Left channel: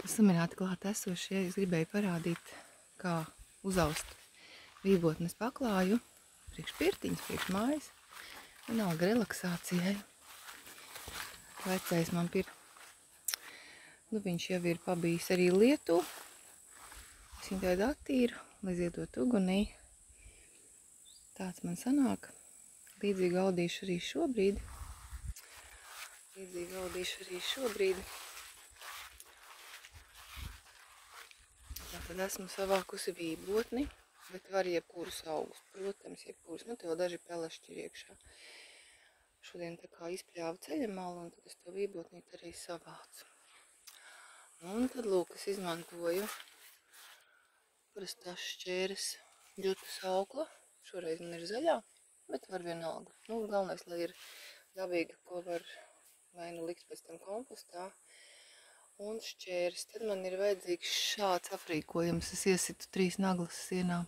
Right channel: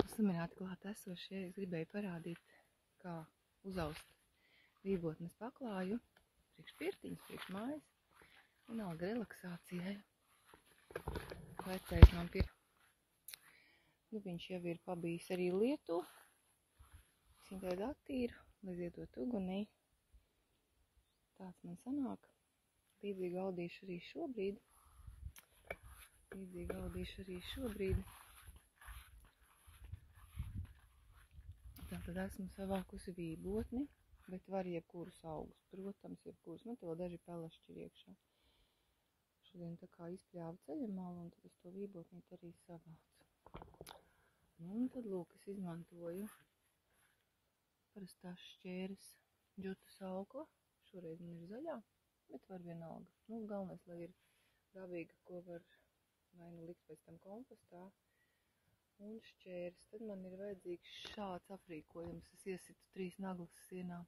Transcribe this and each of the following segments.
Sumināti klāt esošie, es gribēju parādīt, kā uzaust vībotnes paklāju priekš pirtiņas, priekš mājas. Vienalga relaksācijai. Vecais man viņš jau ir pabijis arī lietu. Es viņu tādu attīru, lai ziedot ugunī. Tāds man sanāk. Līdzīgi audīšu arī šobrīd. Tad esmu savākusi vībotni, bet var jebkurus augus, protams, jebkurus. Man te vēl daži pelešķi ir iekšā. Šodien tā kā izpļāvu ceļamalu, un tad es to vībotnīt arī savācu. Un tad, lūk, es izmantoju parastās šķēres ģutas aukla. Šoreiz man ir zaļā, bet var vienalga. Galvenais, lai ir dabīga, ko var vai nu likt pēc tam kompostā. Un šķēres. Tad man ir vajadzīgs šāds aprīkojums. Es iesitu 3 naglas sienā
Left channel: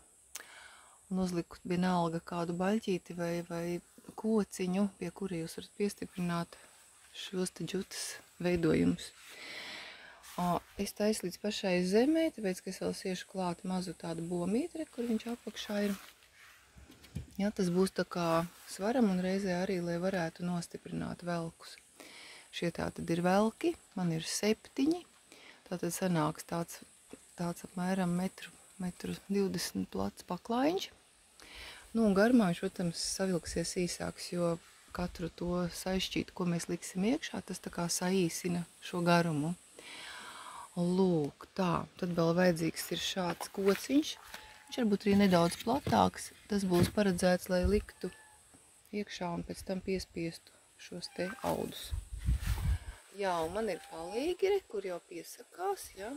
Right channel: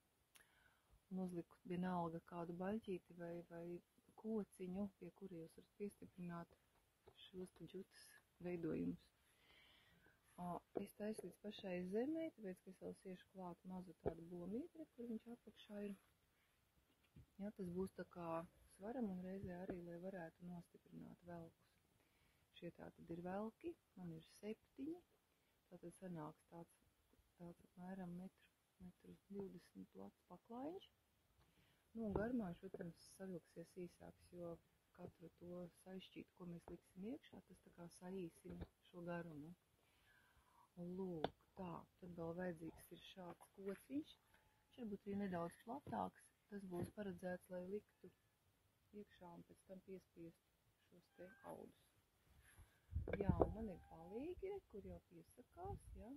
un uzliku vienalga kādu baļķīti vai kociņu, pie kura jūs varat piestiprināt šos te ģutas veidojumus. Es taisu līdz pašai zemē, tāpēc, ka es vēl siešu klāt mazu tādu bomītri, kur viņš apakšā ir. Jā, tas būs tā kā svaram un reizē arī, lai varētu nostiprināt velkus. Šie tātad ir velki, man ir 7, tātad sanāks tāds apmēram 1,20 m plats paklājiņš. Un garumā viņš, protams, savilksies īsāks, jo katru to sašķītu, ko mēs liksim iekšā, tas tā kā saīsina šo garumu. Lūk, tā, tad vēl vajadzīgs ir šāds kociņš. Viņš varbūt arī nedaudz platāks, tas būs paredzēts, lai liktu iekšā un pēc tam piespiestu šos te audus. Jā, un man ir palīgi, kur jau piesakās, ja.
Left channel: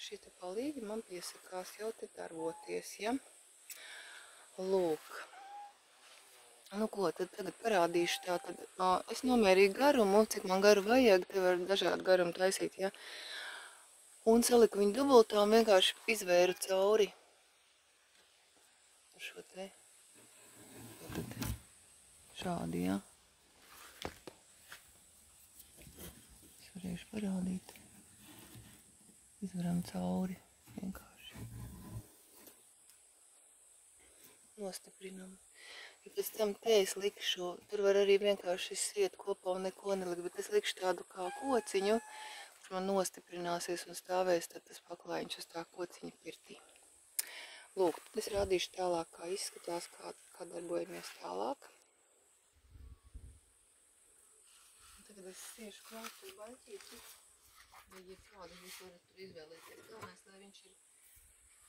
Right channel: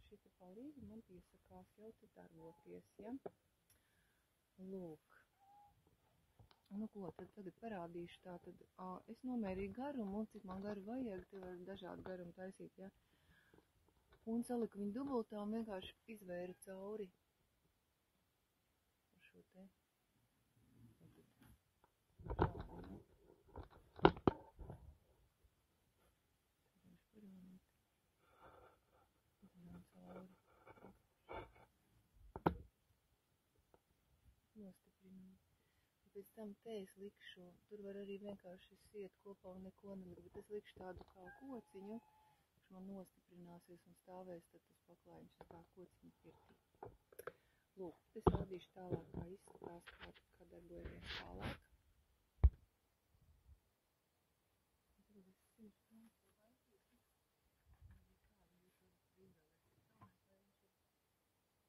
Šie te palīgi man piesakās jau te darboties, ja. Lūk. Ko, tad tagad parādīšu tātad. Es nomērīju garumu, cik man garu vajag, te var dažādu garumu taisīt, ja. Un saliku viņu dubultā un vienkārši izvēru cauri šo te. Šādi, ja. Varēšu parādīt. Izvaram cauri vienkārši. Nostiprinam. Ja pēc tam te es likšu, tur var arī vienkārši siet kopā un neko nelikt, bet es likšu tādu kā kociņu, kurš man nostiprināsies un stāvēs tad tas paklājiņš uz tā kociņa pirtī. Lūk, tad es rādīšu tālāk, kā izskatās, kā darbojamies tālāk. Tagad es siešu klāt to baļķīti, vai jebkādu jūs varat tur izvēlēties. Galvenais, lai viņš ir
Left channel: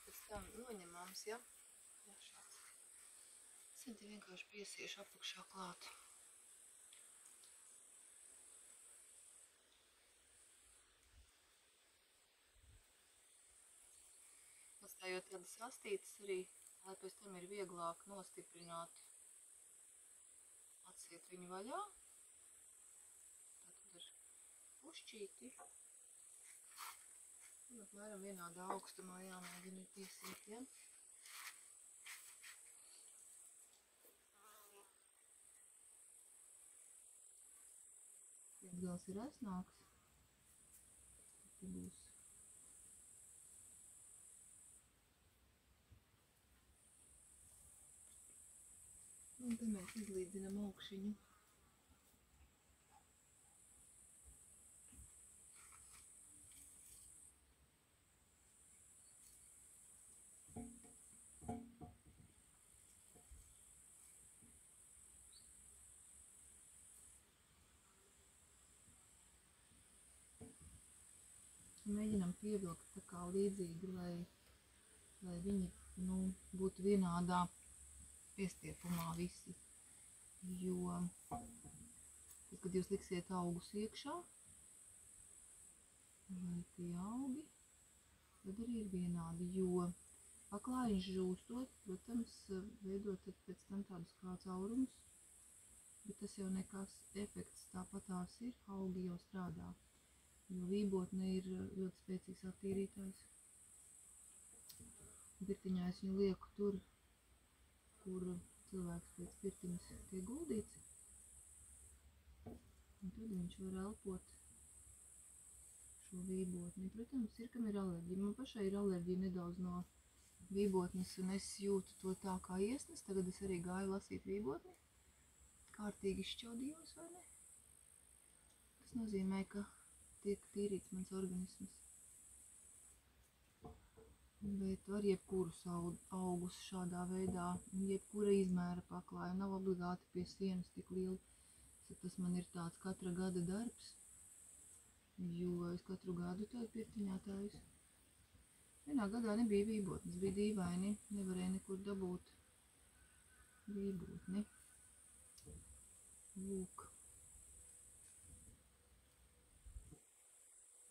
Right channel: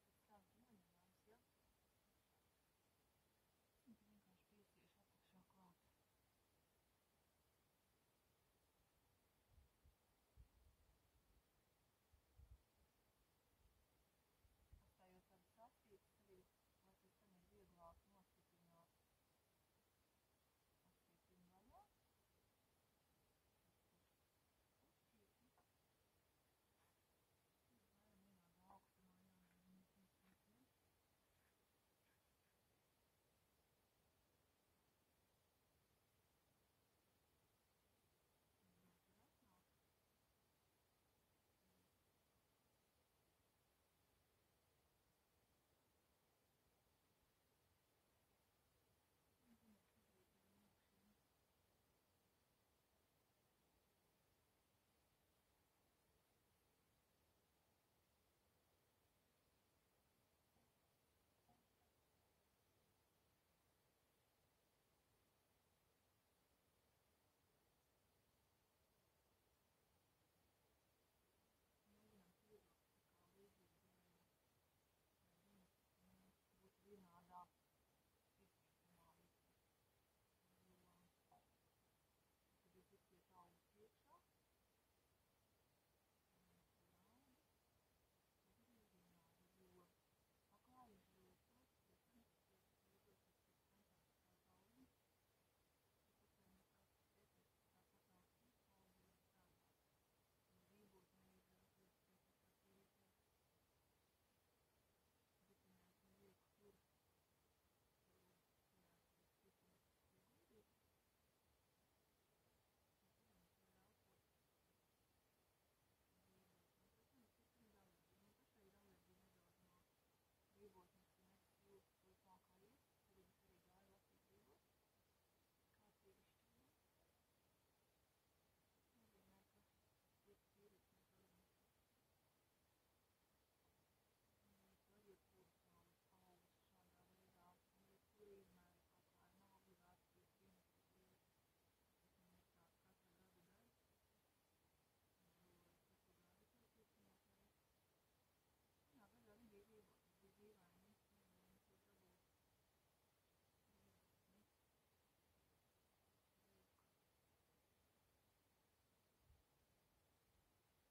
pēc tam noņemams, ja? Jā, šāds. Es te vienkārši piesiešu apakšā klāt. Atstājot tādas astītes arī, lai pēc tam ir vieglāk nostiprināt, atsiet viņu vaļā. Pušķīti. Apmēram vienādā augstumā jāmēģina piesiet, ja? Viens gals ir resnāks. Tad būs. Un te mēs izlīdzinam augšiņu. Mēģinam pievilkt tā kā līdzīgi, lai viņi būtu vienādā piestiepumā visi. Jo, tad, kad jūs liksiet augus iekšā, vai tie augi, tad arī ir vienādi, jo paklājiņš žūstot, protams, veidot pēc tam tādus kā caurumus, bet tas jau nekas efekts tāpatās ir, augi jau strādā. Jo vībotne ir ļoti spēcīgs attīrītājs. Pirtiņā es viņu lieku tur, kur cilvēks pēc pirtiņas tiek guldīts. Un tad viņš var elpot šo vībotni. Protams, ir, kam ir alerģija. Man pašai ir alerģija nedaudz no vībotnes, un es jūtu to tā kā iesnes. Tagad es arī gāju lasīt vībotni. Kārtīgi izšķaudījos, vai ne? Tas nozīmē, ka tiek tīrīts mans organisms. Bet var jebkurus augus šādā veidā, jebkura izmēra paklāja, nav obligāti pie sienas tik liela. Tas man ir tāds katra gada darbs, jo es katru gadu tādu pirtiņā taisu. Vienā gadā nebija vībotnes, bija dīvaini, nevarēja nekur dabūt vībotni. Lūk.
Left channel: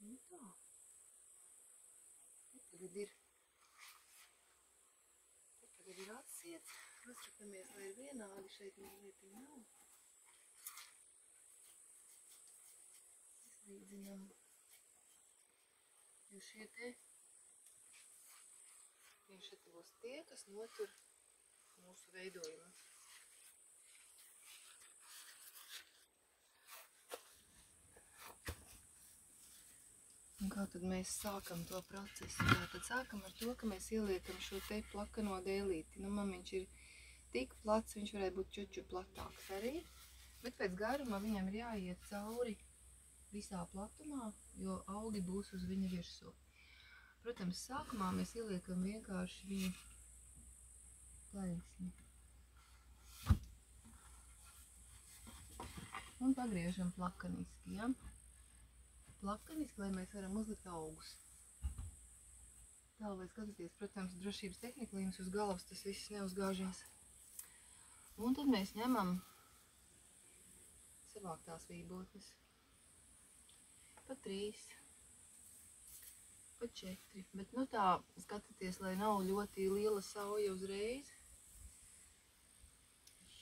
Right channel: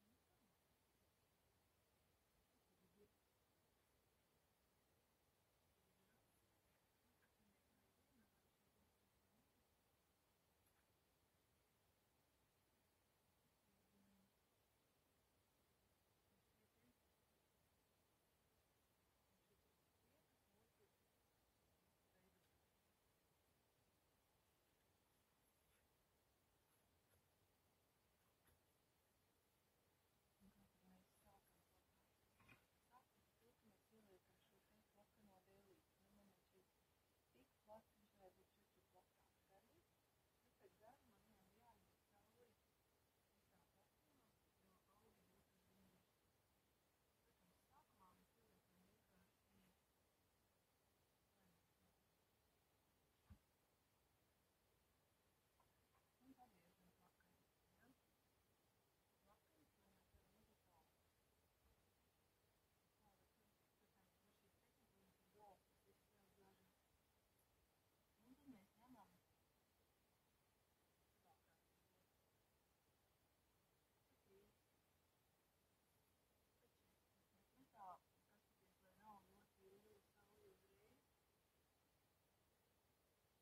Nu tā. Tagad ir atsiets. Paskatāmies, lai ir vienādi. Šeit mazliet nav. Izlīdzinām. Jo šie te būs tie, kas notur mūsu veidojumu. Un kā tad mēs sākam to procesu? Tad sākam ar to, ka mēs ieliekam šo te plakano dēlīti. Nu, man viņš ir tik plats, viņš varētu būt čuču platāks arī, bet pēc garuma viņam ir jāiet cauri visā platumā, jo augi būs uz viņa virsū. Protams, sākumā mēs ieliekam vienkārši viņu taisni. Un pagriežam plakaniski, ja? Plakaniski, lai mēs varam uzlikt augus. Tā, lai skatāties, protams, drošības tehnika, lai jums uz galvas tas viss neuzgāžās. Un tad mēs ņemam savāktās vībotnes. Pa 3, pa 4, bet nu tā, skatieties, lai nav ļoti liela sauja uzreiz,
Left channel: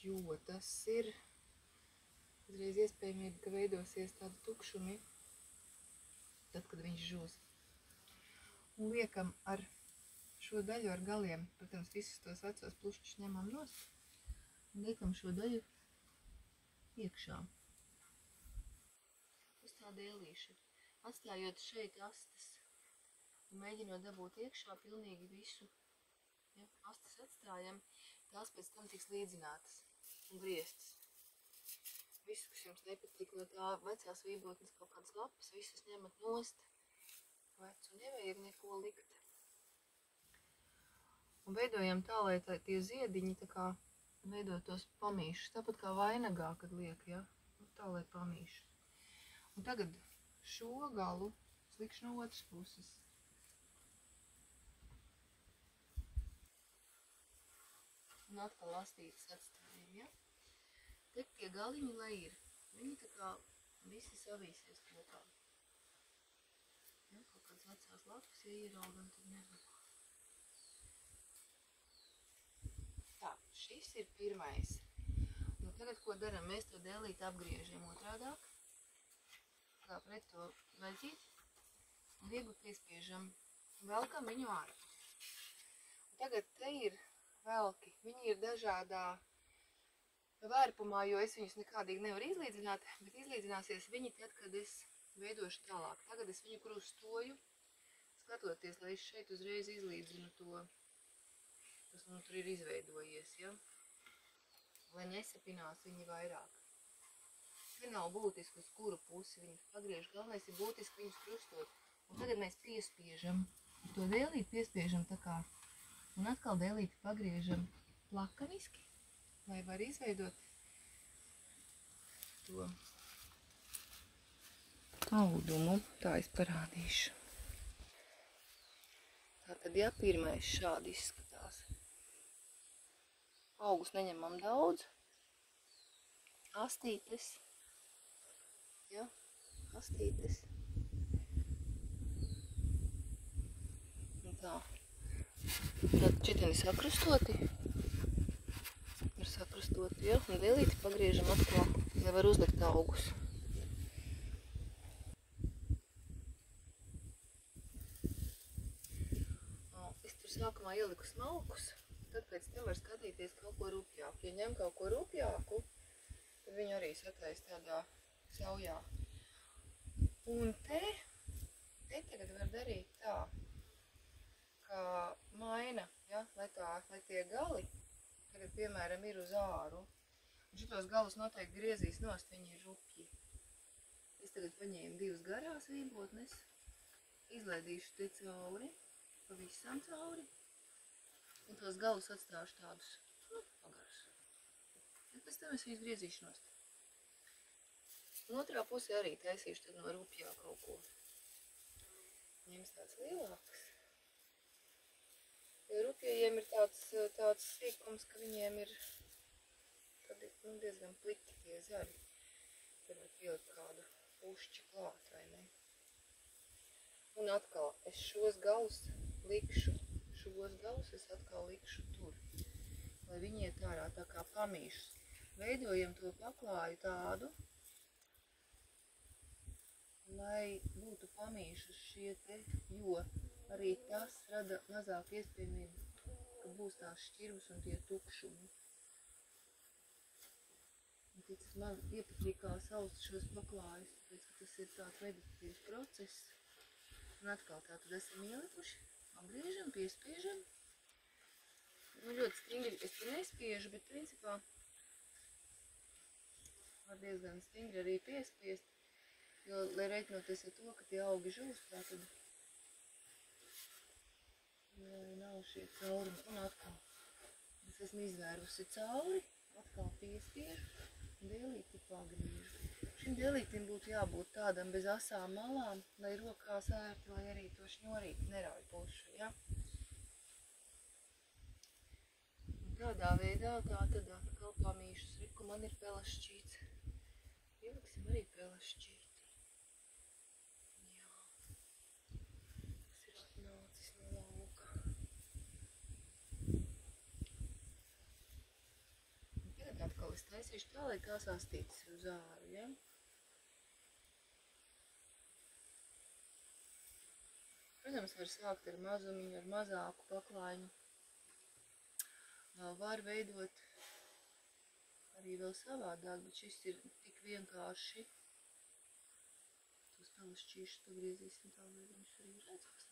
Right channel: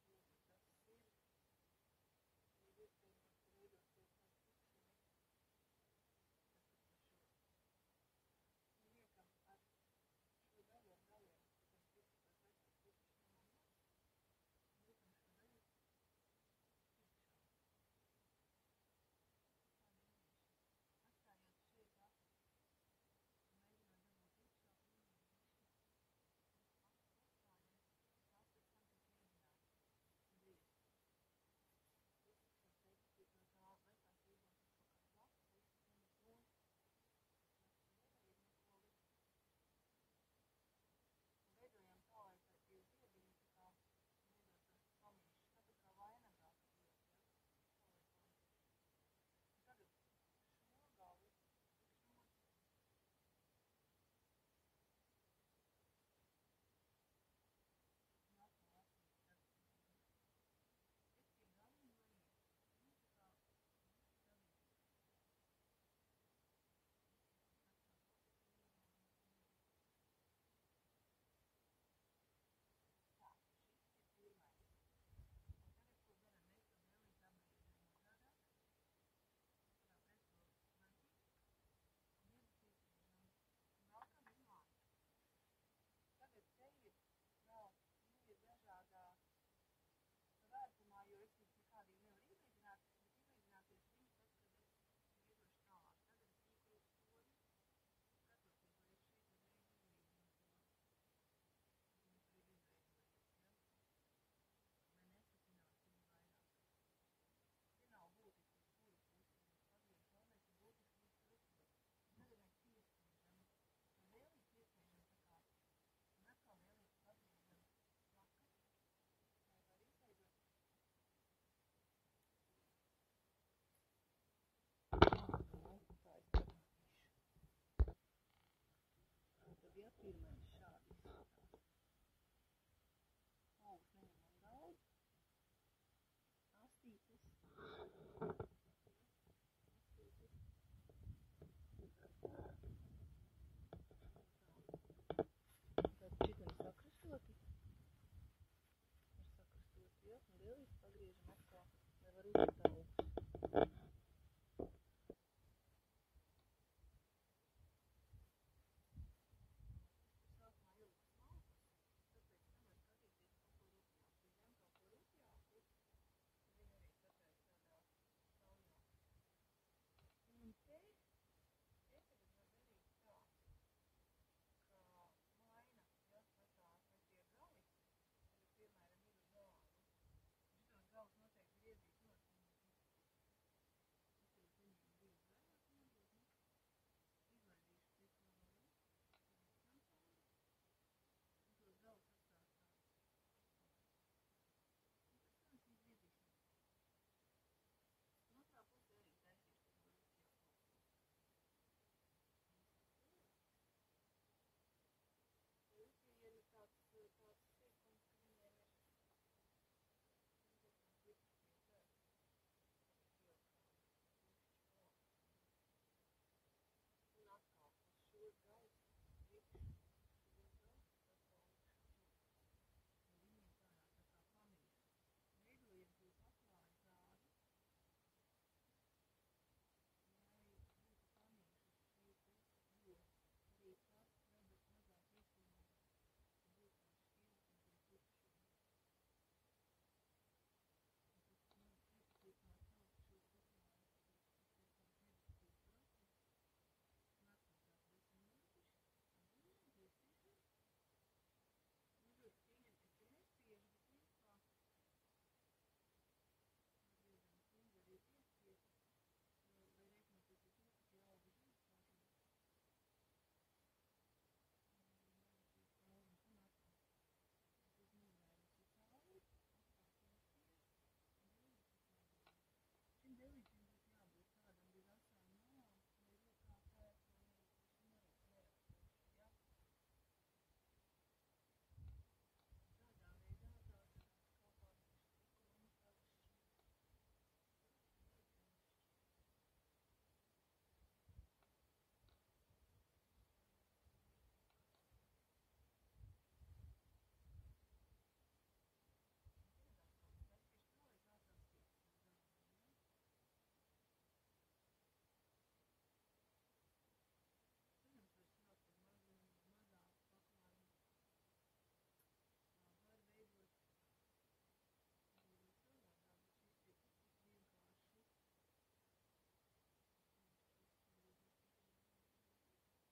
jo tas ir uzreiz iespējamība, ka veidosies tādi tukšumi, tad, kad viņš žūs. Un liekam ar šo daļu ar galiem, protams, visus tos vecos plušķus ņemam nost, un liekam šo daļu iekšā. Uz tā dēlīša. Atstājot šeit astes un mēģinot dabūt iekšā pilnīgi visu. Ja, astes atstājam, tās pēc tam tiks līdzinātas un grieztas. Visu, kas jums nepatīk no tā vecās vībotnes kaut kādas lapas, visas ņemat nost. Vecu nevajag neko likt. Un veidojam tā, lai tie ziediņi tā kā veidotos pamīšus. Tāpat kā vainagā, kad liek, ja? Tā, lai pamīšus. Un tagad šo galu slikšu no otras puses. Un atkal lastītas atstājam, ja? Te tie galiņi, lai ir. Viņi tā kā visi savīsies kopā. Ja, kaut kāds vecās lapas, ja ieraugam, tad nezinu. Tā, šis ir pirmais. Un tagad, ko daram? Mēs to dēlīti apgriežam otrādāk. Tā pret to veļķīt. Un viegli piespiežam. Velkam viņu ārā. Tagad te ir velki. Viņi ir dažādā vērpumā, jo es viņus nekādīgi nevaru izlīdzināt, bet izlīdzināsies viņi tad, kad es veidošu tālāk. Tagad es viņu krustoju, skatoties, lai es šeit uzreiz izlīdzinu to, kas man tur ir izveidojies, ja? Lai nesapinās viņi vairāk. Te nav būtiski, uz kuru pusi viņus pagriež, galvenais ir būtiski viņus krustot. Un tagad mēs piespiežam, to dēlīti piespiežam tā kā, un atkal dēlīti pagriežam plakaniski, lai var izveidot to audumu. Tā es parādīšu. Tātad, ja pirmais šādi izskatās. Augus neņemam daudz. Astītes. Ja, astītes. Un tā. Tad čiteni sakrustoti. Ir sakrustoti, ja, un dēlīti pagriežam atkal, lai var uzlikt augus. Es tur sākumā ieliku smalkus, tad pēc tam var skatīties kaut ko rupjāku. Ja ņem kaut ko rupjāku, tad viņu arī satais tādā saujā. Un te tagad var darīt tā, ka maina, ja, lai tie gali, tagad, piemēram, ir uz āru, un šitos galus noteikti griezīs nost, viņi ir rupji. Es tagad paņēmu 2 garās vībotnes, izlaidīšu te cauri, pavisam cauri, un tos galus atstāšu tādus, pagarus. Un pēc tam es viņus griezīšu nost. Un otrā pusē arī taisīšu tad no rupjā kaut ko. Ņems tāds lielāks. Jo rupjajiem ir tāds sīkums, ka viņiem ir tādi, diezgan pliki tie zaļi. Tad var pielikt kādu pušķi klāt, vai ne? Un atkal, es šos galus es atkal likšu tur, lai viņi iet ārā tā kā pamīšus. Veidojam to paklāju tādu, lai būtu pamīšus šie te, jo arī tas rada mazāk iespējamību, ka būs tās šķirvas un tie tukšumi. Un ticis man iepatīk kā sauc šos paklājus, tāpēc, ka tas ir tāds meditatīvs process. Un atkal tā tad esam ielikuši, apgriežam, piespiežam. Nu, ļoti stingri es te nespiežu, bet principā var diezgan stingri arī piespiest, jo, lai reiķinoties ar to, ka tie augi žūst, tā tad nav šie caurumi. Un atkal es esmu izvērusi cauri, atkal piespiežu un dēlīti pagriežu. Šim dēlītim būtu jābūt tādam bez asām malām, lai rokās ērti, lai arī to šņorīti nerauj pušu, ja? Un tādā veidā tā tad atkal pamīšus. Riku, man ir pelašķīts. Ieliksim arī pelašķīti. Jā. Tas ir atnācis no lauka. Un tagad atkal es taisīšu tā, lai tās astītas uz āru, ja? Protams, var sākt ar mazumiņu, ar mazāku paklājiņu. Var veidot arī vēl savādāk, bet šis ir tik vienkārši. Tos pelašķīšus pagriezīsim tā, lai viņš arī redzās.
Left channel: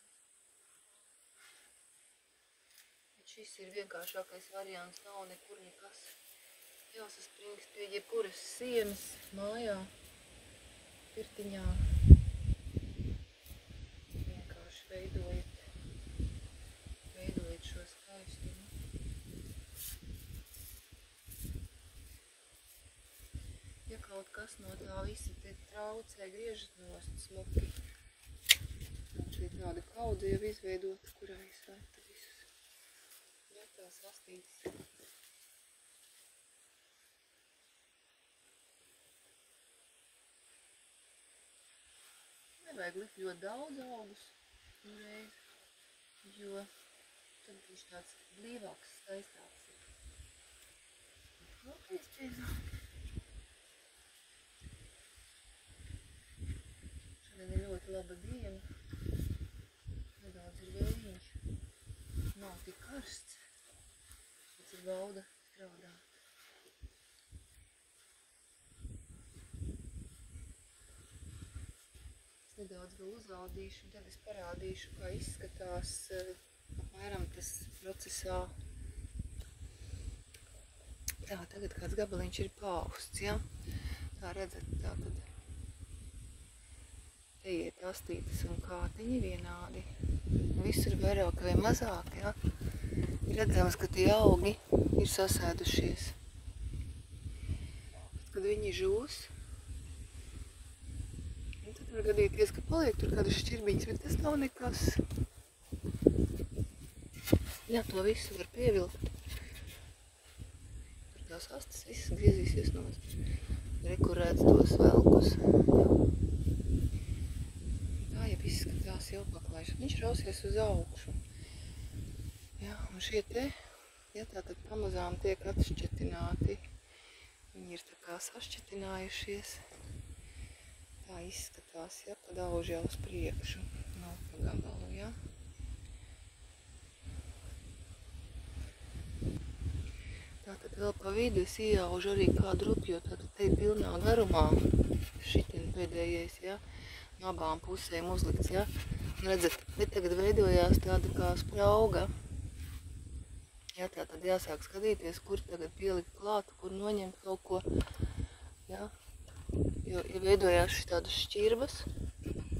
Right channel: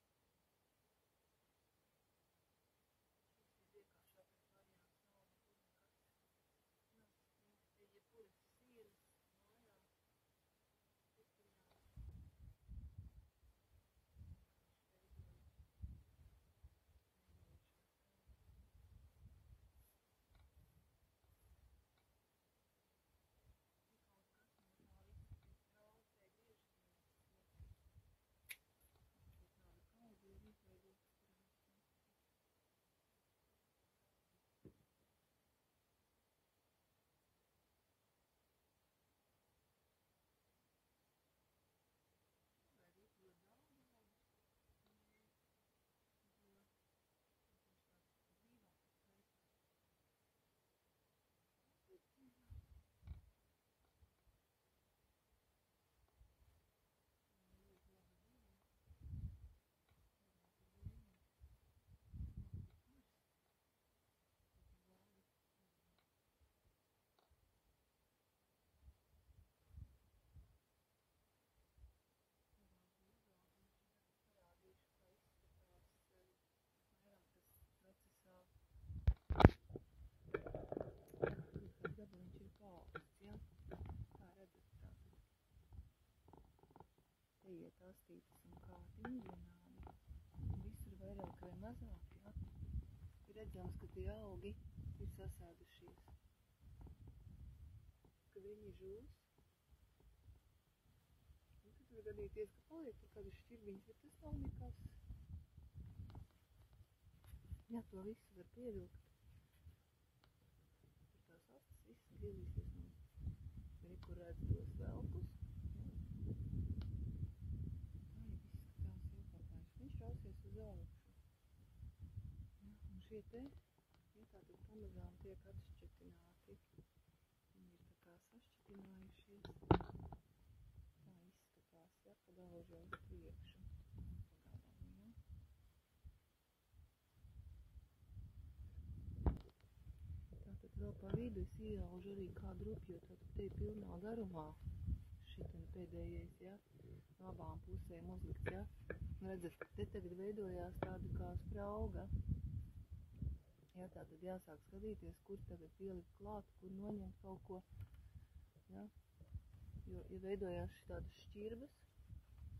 Bet šis ir vienkāršākais variants, nav nekur nekas jāsaspringst pie jebkuras sienas mājā, pirtiņā. Vienkārši veidojiet šo skaistumu. Ja kaut kas no tā visa te traucē, griežat nost smuki. Un šī tāda kaudze jau izveidota, kurā es metu visus. Metās astītes. Nevajag likt ļoti daudz augus uzreiz, jo tad viņš tāds blīvāks, skaistāks ir. Atkal piespiedzām. Šodien ir ļoti laba diena. Nedaudz ir vējiņš. Nav tik karsts. Pēc ir bauda strādāt. Es nedaudz vēl uzrādīšu, un tad es parādīšu, kā izskatās apmēram tas procesā. Tā, tagad kāds gabaliņš ir paausts, ja? Tā redzat, tā tad te iet astītes un kātiņi vienādi. Visur vairāk vai mazāk, ja? Ir redzams, ka tie augi ir sasēdušies. Tad, kad viņi žūs, tad var gadīties, ka paliek tur kādas šķirbiņas, bet tas nav nekas. Jā, to visu var pievilkt. Tur tās astes visas griezīsies nost. Rekurēts tos velkus. Tā jau izskatās jau paklājš. Viņš rausies uz augšu. Jā, un šie te, ja tātad pamazām tiek atšķetināti. Viņi ir tā kā sašķetinājušies. Tā izskatās, ja, kad auž jau uz priekšu. Nav pa gabalu, ja. Tātad vēl pa vidu es ieaužu arī kādu rupju, tātad te ir pilnā garumā, šitin pēdējais, ja, abām pusēm uzlikts, ja? Redzat, te tagad veidojās tāda kā sprauga. Ja, tā tad jāsāk skatīties, kur tagad pielikt klāt, kur noņemt kaut ko, ja? Jo, ja veidojās šis tādas šķirbas,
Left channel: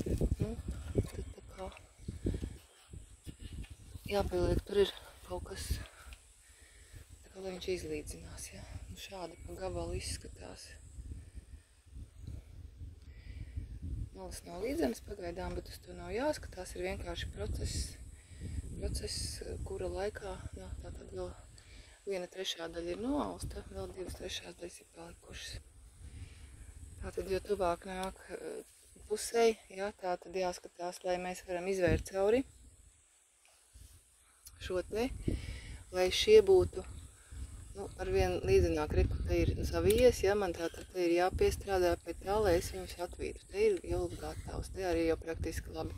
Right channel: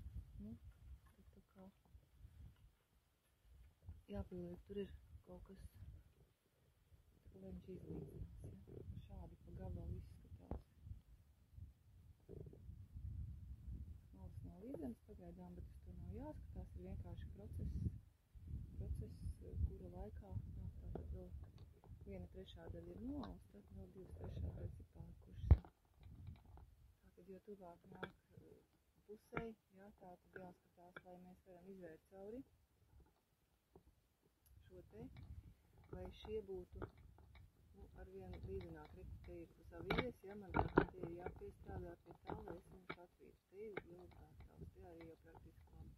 tad tā kā jāpieliek, tur ir kaut kas, tā kā lai viņš izlīdzinās, ja? Nu, šādi pa gabalu izskatās. Malas nav līdzenas pagaidām, bet uz to nav jāskatās, ir vienkārši process, kura laikā, jā, tātad vēl 1/3 daļa ir noausta, vēl 2/3 daļas ir palikušas. Tātad, jo tuvāk nāk pusei, jā, tātad jāskatās, lai mēs varam izvērt cauri šo te, lai šie būtu, nu, arvien līdzenāk, reku, te ir savijies, ja, man tātad te ir jāpiestrādā pie tā, lai es viņus atvītu. Te ir jau gatavs, te arī jau praktiski labi.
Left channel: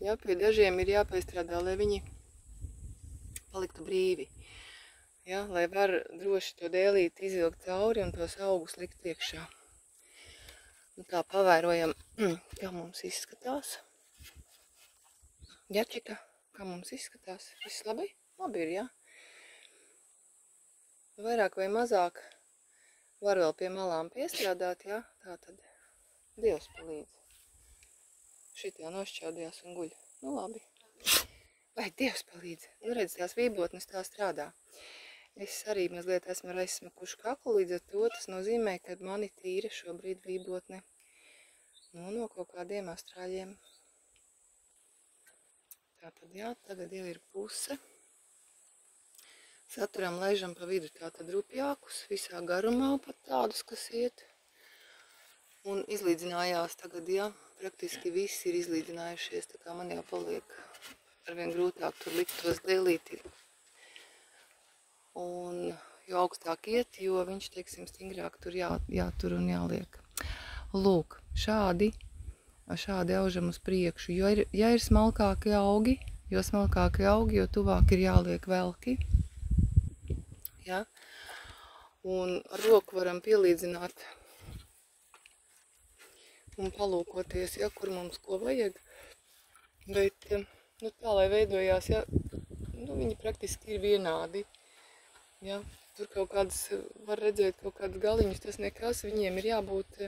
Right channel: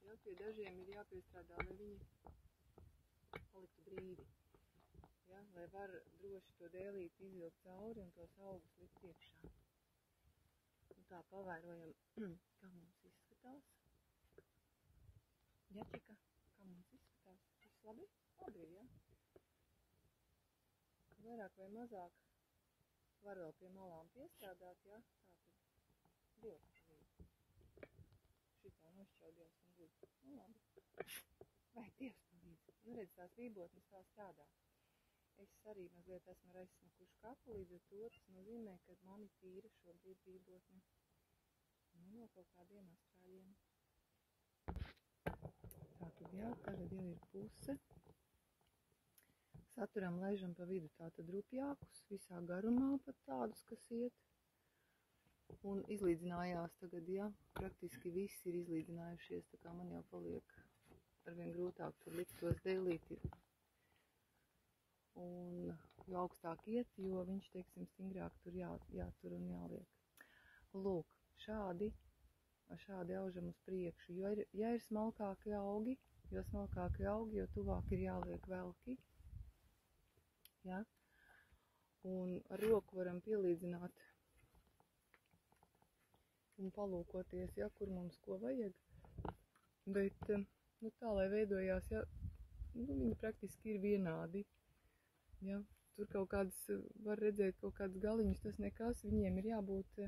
Jā, pie dažiem ir jāpiestrādā, lai viņi paliktu brīvi. Ja, lai var droši to dēlīti izvilkt cauri un tos augus likt iekšā. Nu, tā pavērojam, kā mums izskatās. Ģerčika, kā mums izskatās? Viss labi? Labi ir, jā. Vairāk vai mazāk var vēl pie malām piestrādāt, jā. Tā tad Dievs palīdz. Šitie nošķaudījās un guļ. Nu, labi. Vai Dievs palīdz? Nu, redz, tās vībotnes tā strādā. Es arī mazliet esmu aizsmakuši kaklu, līdz ar to tas nozīmē, ka mani tīra šobrīd vībotne no kaut kādiem astrāļiem. Tātad, jā, tagad jau ir puse. Saturam laižam pa vidu tātad rupjākus, visā garumā pat tādus, kas iet. Un izlīdzinājās tagad, jā, praktiski visi ir izlīdzinājušies, tā kā man jau paliek arvien grūtāk tur likt tos dēlīti. Un jo augstāk iet, jo viņš, teiksim, stingrāk tur jātur un jāliek. Lūk, šādi aužam uz priekšu. Ja ir smalkāki augi, jo tuvāk ir jāliek velki. Ja? Un ar roku varam pielīdzināt un palūkoties, ja, kur mums ko vajag. Bet, nu tā, lai veidojās, ja, nu viņi praktiski ir vienādi. Ja? Tur kaut kādas, var redzēt kaut kādus galiņus, tas nekas, viņiem ir jābūt,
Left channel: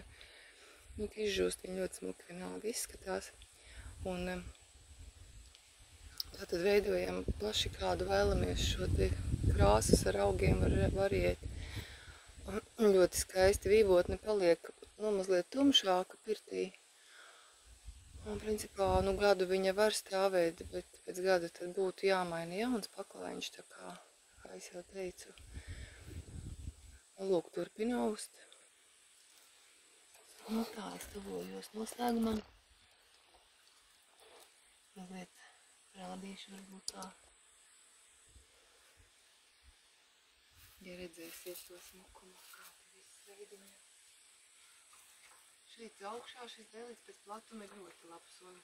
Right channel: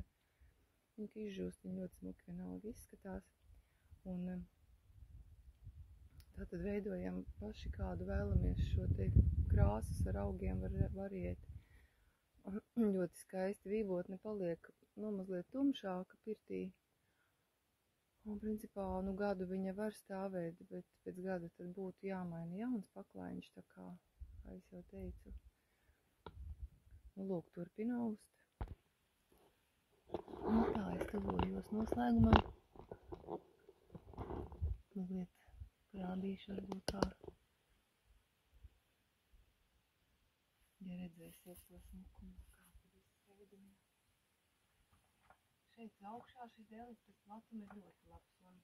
nu, izžūst, viņi ļoti smuki vienalga izskatās. Un tātad veidojam plaši, kādu vēlamies šo te krāsas ar augiem var iet. Ļoti skaisti vībotne paliek, nu, mazliet tumšāka pirtī. Un, principā, nu, gadu viņa var stāvēt, bet pēc gada tad būtu jāmaina jauns paklaiņš, tā kā es jau teicu. Nu, lūk, turpina aust. Nu, tā, es tuvojos noslēgumam. Mazliet rādīšu varbūt tā. Ja redzēsiet to smukumu, kā te viss veidojas. Šeit augšā šis dēlīts pēc platuma ir ļoti labs. Un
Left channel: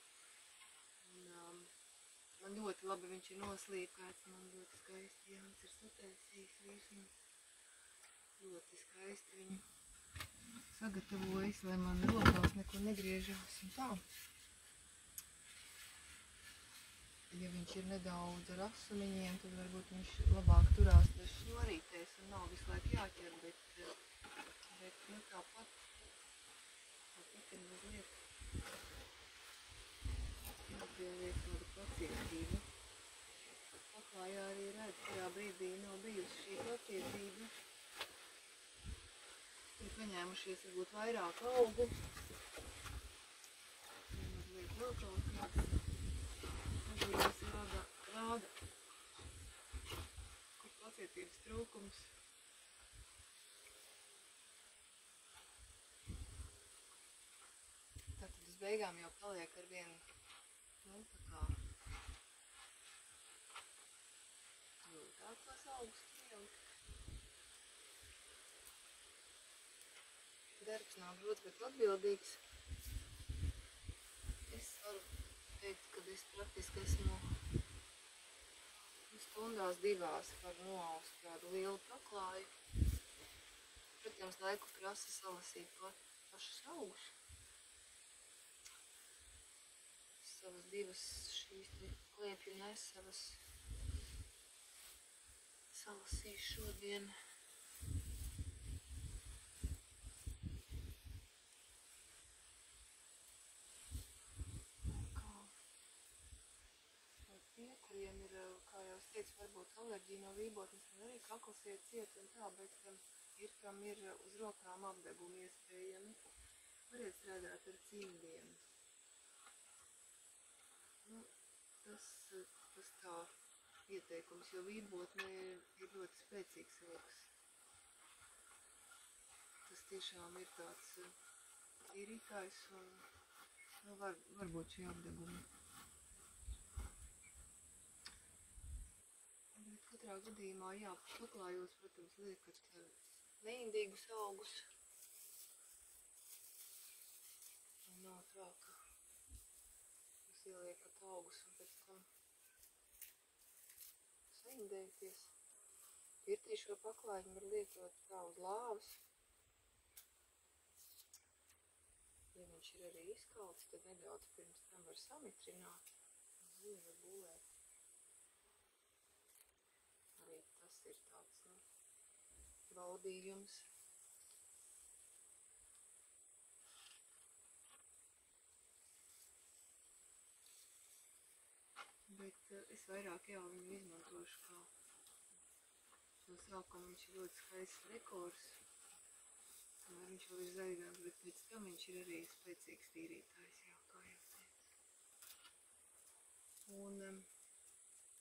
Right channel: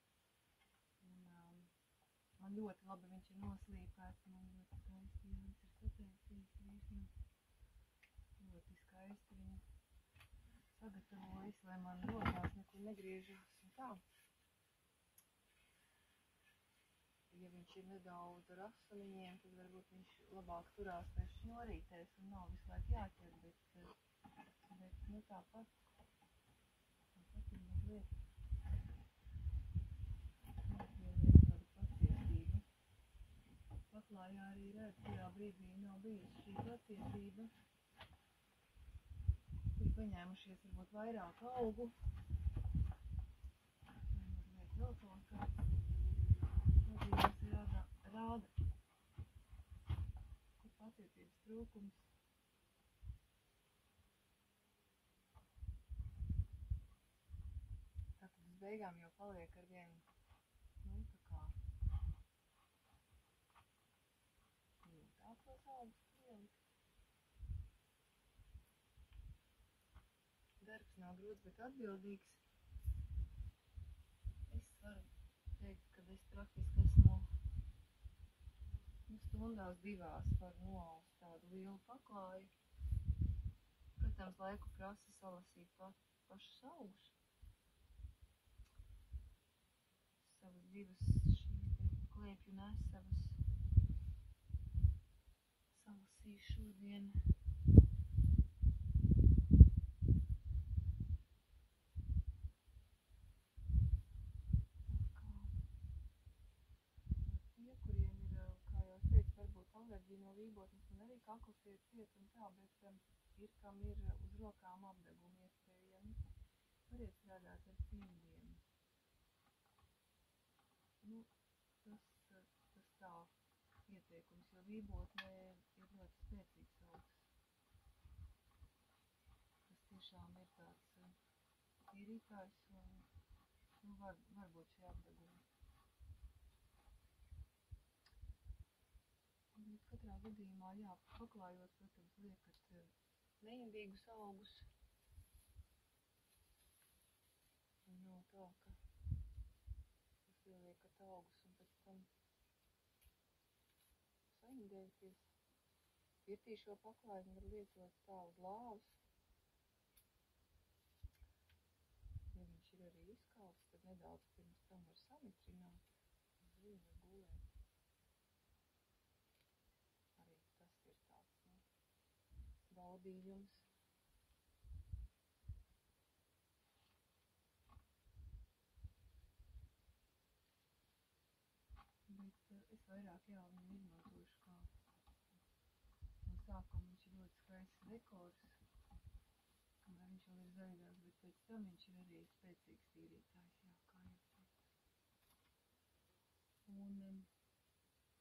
man ļoti labi viņš ir noslīpēts, man ļoti skaisti Jānis ir sataisījis visu. Ļoti skaisti viņu sagatavojas, lai man rokās nekur negriežās un tā. Ja viņš ir nedaudz ar asumiņiem, tad varbūt viņš labāk turās tās šnorītēs un nav visu laiku jāķer, bet nu tāpat ir mazliet jāpieliek tāda pacietība. Paklājā arī redz, kurā brīdī nav bijusi šī pacietība. Ir paņēmušies varbūt vairāk augu. Mazliet vēl kaut kāds. Rāda, kur pacietības trūkums. Tātad uz beigām jau paliek ar vienu, nu, tā kā grūtāk tos augus pielikt. Darbs nav grūts, bet atbildīgs. Es varu teikt, ka es praktiski esmu stundās 2 var noaust tādu lielu paklāju. Protams, laiku prasa salasīt pašus augus. divas šīs te kliepju nesavas salasīšu šodien. Tie, kuriem ir, kā jau es teicu, varbūt alerģija no vībotnes un arī kakls iet ciet un tā, bet ir, kam ir uz rokām apdegumi iespējami, variet strādāt ar cimdiem. Nu, tas tā ieteikums, jo vībotne ir ļoti spēcīgs rokas. Tas tiešām ir tāds tīrītājs un nu, varbūt šie apdegumi. Bet katrā gadījumā, jā, paklājos, protams, liekat neindīgus augus. Un nav tā, ka jūs ieliekat augus un pēc tam saindēties. Pirtī šo paklājumu var lietot tā uz lāvas. Ja viņš ir arī izkalts, tad nedaudz pirms tam var samitrināt. Ziņu var gulēt. Arī tas ir tāds, nu, baudījums. Bet es vairāk jau viņu izmantošu kā no sākuma viņš ir ļoti skaists dekors. Kamēr viņš vēl ir zaļgāks, bet pēc tam viņš ir arī spēcīgs tīrītājs, jā, kā jau teicu. Un,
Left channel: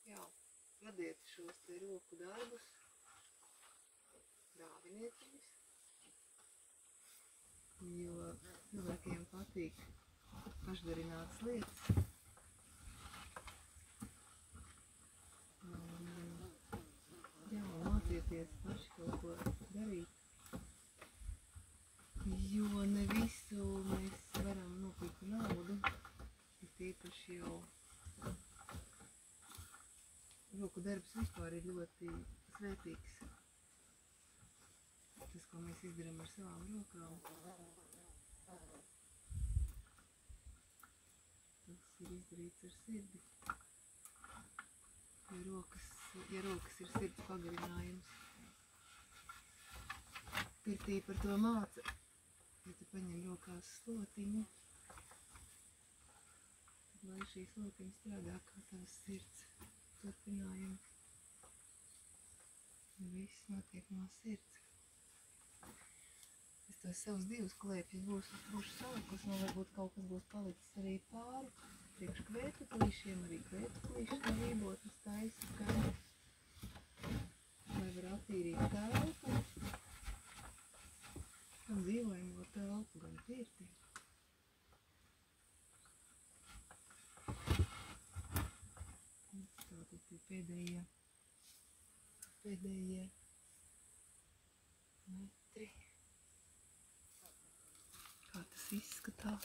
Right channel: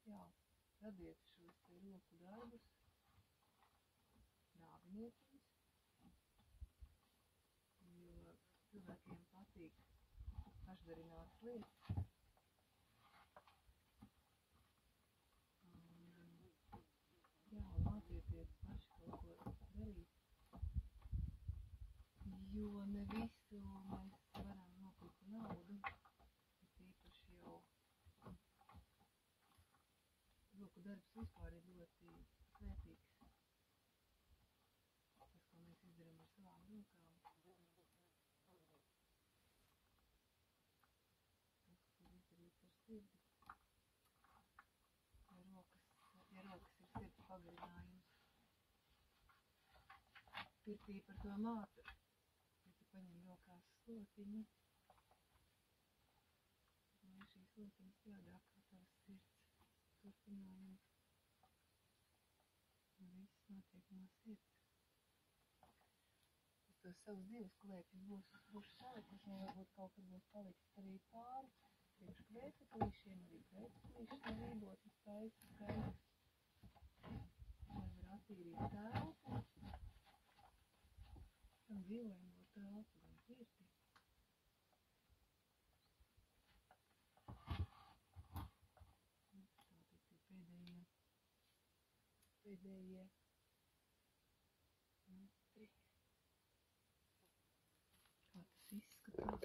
jā, radiet šos te roku darbus, dāviniet viņus, jo cilvēkiem patīk pašdarinātas lietas. Jā, mācieties paši kaut ko darīt. Jo ne visu mēs varam nopirkt naudu, bet īpaši jau roku darbs vispār ir ļoti svētīgs. Tas, ko mēs izdarām ar savām rokām, tas ir izdarīts ar sirdi. Ja rokas ir sirds pagarinājums. Pirtī par to māca. Ja tu paņem rokās slotiņu, tad lai šī slotiņa strādā kā tavas sirds turpinājums. Un viss notiek no sirds. Es tos savus divus klēpjus būšu salikusi, un varbūt kaut kas būs palicis arī pāri. Priekš kvētuklīšiem, arī kvētuklīši no vībotnes taisa skaidrs. Lai var attīrīt telpu. Gan dzīvojumu telpu, gan pirti. Tātad tie pēdējie metri. Kā tas izskatās.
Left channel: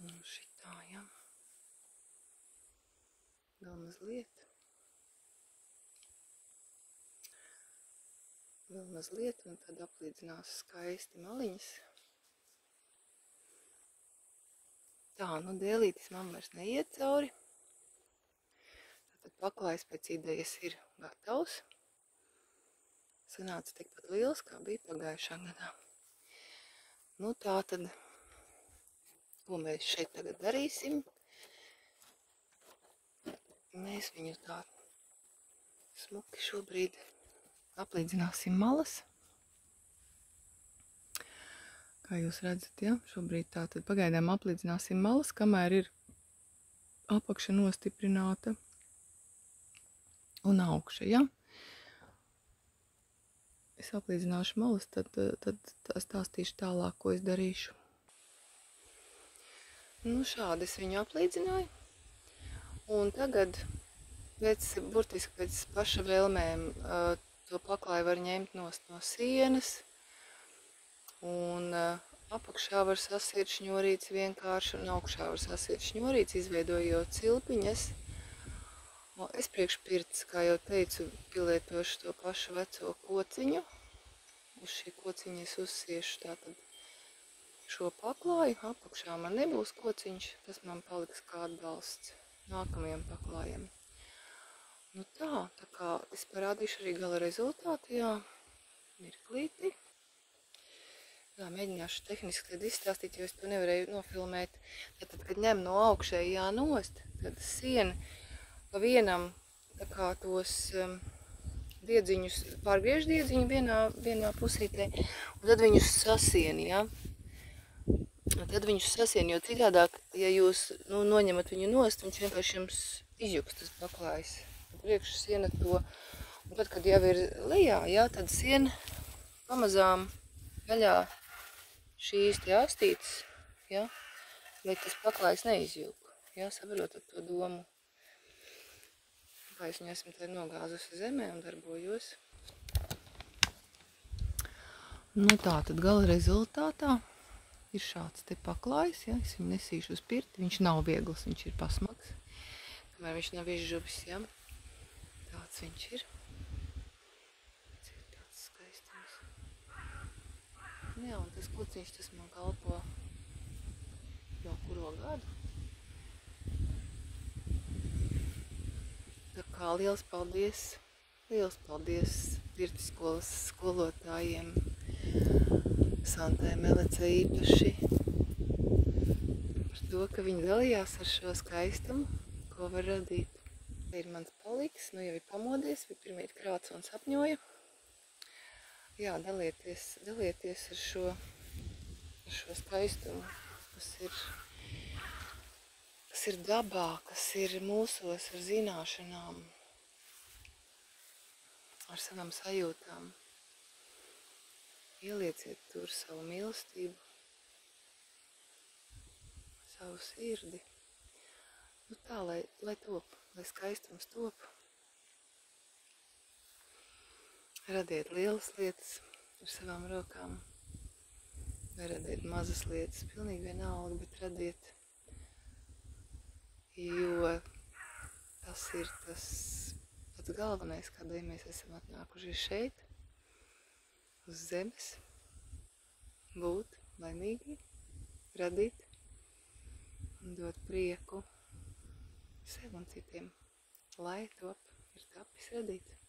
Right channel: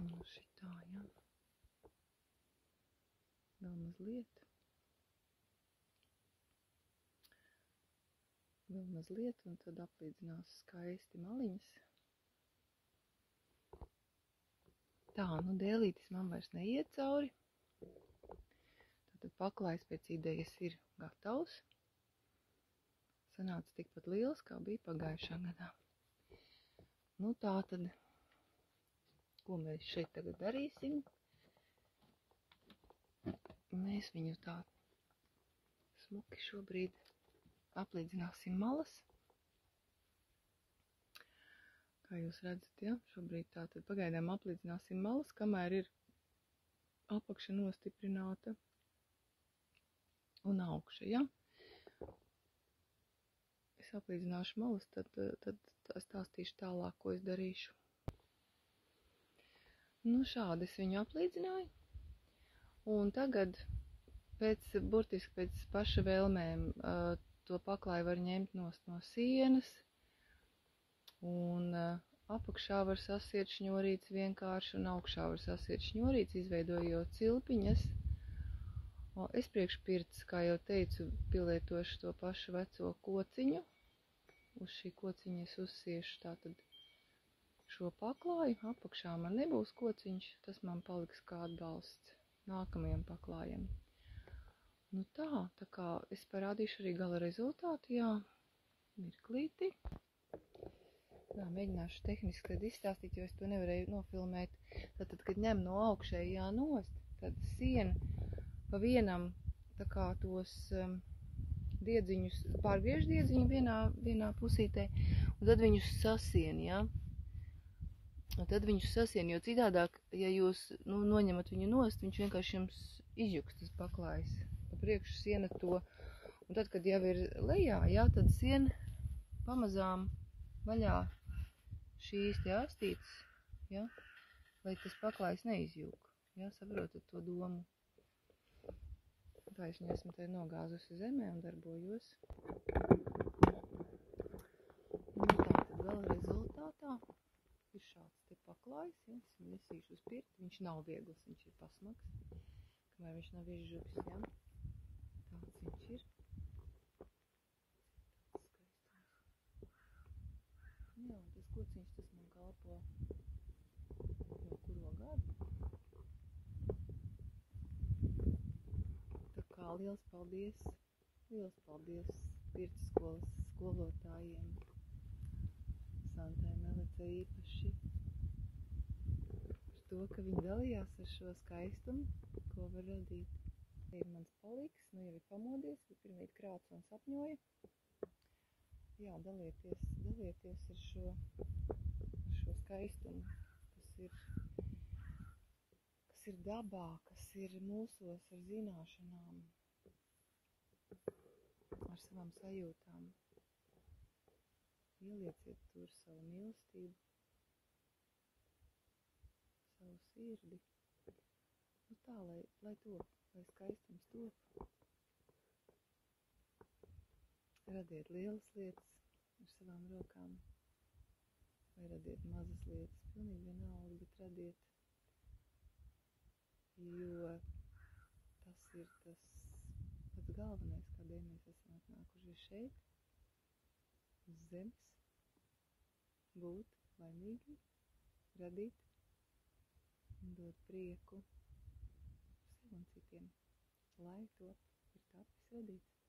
Un šitā, jā. Vēl mazliet, un tad aplīdzinās skaisti maliņas. Tā, nu dēlītis man vairs neiet cauri. Tātad paklājs pēc idejas ir gatavs. Sanāca tikpat liels, kā bija pagājušā gadā. Nu tā tad, ko mēs šeit tagad darīsim? Mēs viņu tā smuki šobrīd aplīdzināsim malas. Kā jūs redzat, ja? Šobrīd tātad pagaidām aplīdzināsim malas, kamēr ir apakša nostiprināta un augša, ja? Es aplīdzināšu malas, tad stāstīšu tālāk, ko es darīšu. Nu šādi es viņu aplīdzināju. Un tagad, burtiski pēc paša vēlmēm, to paklāju var ņemt no sienas. Un apakšā var sasiet šņurītes vienkārši, un augšā var sasiet šņurītes, izveidojot cilpiņas. Es priekš pirts, kā jau teicu, pielietošu to pašu veco kociņu. Uz šī kociņa es uzsiešu tātad šo paklāju. Apakšā man nebūs kociņš, tas man paliks kā atbalsts nākamajam paklājam. Nu tā kā es parādīšu arī gala rezultātu, jā, mirklīti. Jā, mēģināšu tehniski tad izstāstīt, jo es to nevarēju nofilmēt. Tad, kad ņem no augšējā nost, tad siena pa vienam tā kā tos diedziņus, pārgriež diedziņu vienā pusītē, un tad viņus sasien, ja? Tad viņus sasien, jo citādāk, ja jūs noņemat viņu nost, viņš vienkārši jums izjuks tas paklājs. Priekš siena to, un tad, kad jau ir lejā, ja, tad siena pamazām vaļā šīs te astītes, ja, lai tas paklājs neizjūg, ja, saprotat to domu. Kā es viņu esmu te nogāzusi zemē un darbojos. Nu tā, tad gala rezultātā ir šāds te paklājs, ja, es viņu nesīšu uz pirti, viņš nav viegls, viņš ir pasmags, kamēr viņš nav izžuvis, ja. Tāds viņš ir. Tāds skaistums. Jā, un tas kociņš, tas man kalpo jau kuro gadu. Tā kā liels paldies Pirti skolas skolotājiem, Santai Melecei īpaši, par to, ka viņi dalījās ar šo skaistumu, ko var radīt. Ir mans paliks, nu jau ir pamodies, bija pirmīt krāts un sapņoja. Jā, dalieties ar šo skaistumu, kas ir dabā, kas ir mūsos ar zināšanām, ar savām sajūtām. Ielieciet tur savu mīlestību, savu sirdi. Nu tā, lai top, lai skaistums top. Radiet lielas lietas ar savām rokām. Vai radiet mazas lietas, pilnīgi vienalga, bet radiet. Jo tas ir tas pats galvenais, kādēļ mēs esam atnākuši šeit, uz zemes, būt laimīgi, radīt un dot prieku sev un citiem, lai top ir tapis radīts.